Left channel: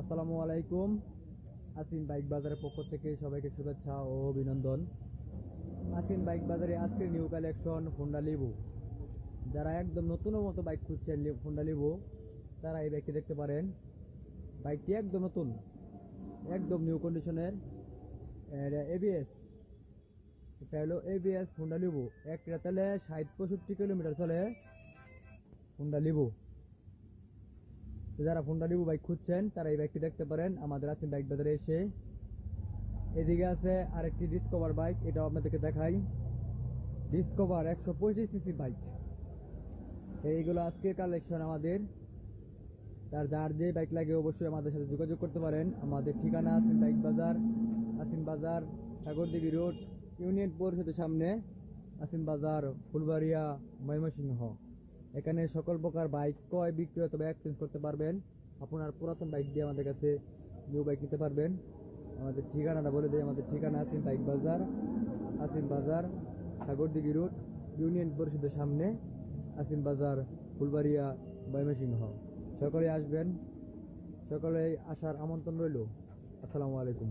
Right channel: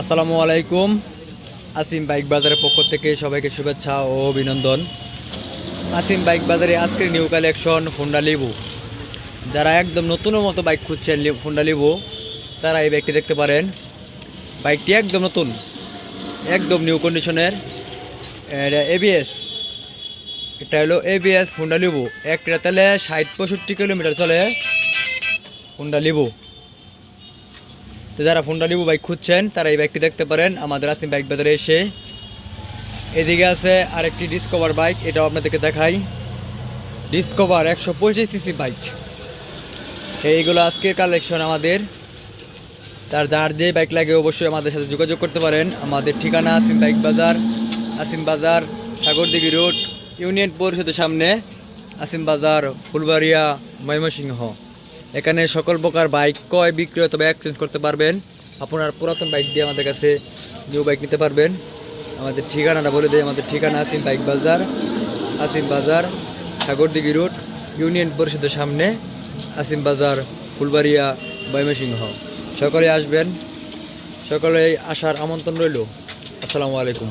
আসসালামু আলাইকুম। আসিম বাইক বাজারের পক্ষ থেকে সবাইকে শুভেচ্ছা ও অভিনন্দন। আসিম বাইক বাজারে আজকের নিউ কালেকশন হোন্ডা লিভো। যারা একদম নতুনের মতো বাইক খুঁজছেন হোন্ডা লিভো, তারা এই বাইকটি দেখতে পারেন। বাইকটি একদম নতুন, একদম নিউ কন্ডিশনের। এটা এবিএস, এটা হলো এবিএস হোন্ডা লিভো। একটা তেলে 60-65 কিলোমিটার চলে হোন্ডা লিভো। তো যারা হোন্ডা লিভো বাইক খুঁজছেন তারা এই বাইকটি দেখতে পারেন আমাদের আসিম বাইক বাজারে এসে। এদিকে আছে আরেকটি ডিসকভার বাইক, এটাও আপনাদেরকে দেখাই। Discover 125 CC bike. এইগুলো আজকের কালেকশন আমাদের। যার যে বাইক লাগে অবশ্যই আমাদের সাথে যোগাযোগ করতে পারেন। আমাদের ঠিকানা আসিম বাইক বাজার, আসিম বাজার সাগরদিঘি রোড, ইউনিয়ন পরিষদের সামনে, আসিম বাজার, ফুলবাড়িয়া, ময়মনসিংহ। এখানে সকল প্রকার বাইক ক্রয় বিক্রয় অথবা এক্সচেঞ্জ করতে পারবেন। আপনার পুরাতন বাইক দিয়ে আমাদের কাছে নিউ বাইক নিতে পারবেন। আমাদের ঠিকানাটা বলে দিই, আমাদের ঠিকানা আসিম বাইক বাজার, আসিম বাজার সাগরদিঘি রোড, ইউনিয়ন পরিষদের সামনে, আসিম বাজার, ফুলবাড়িয়া, ময়মনসিংহ। সকলে আসবেন, সকলে আসার আমন্ত্রণ রইল। আসসালামু আলাইকুম।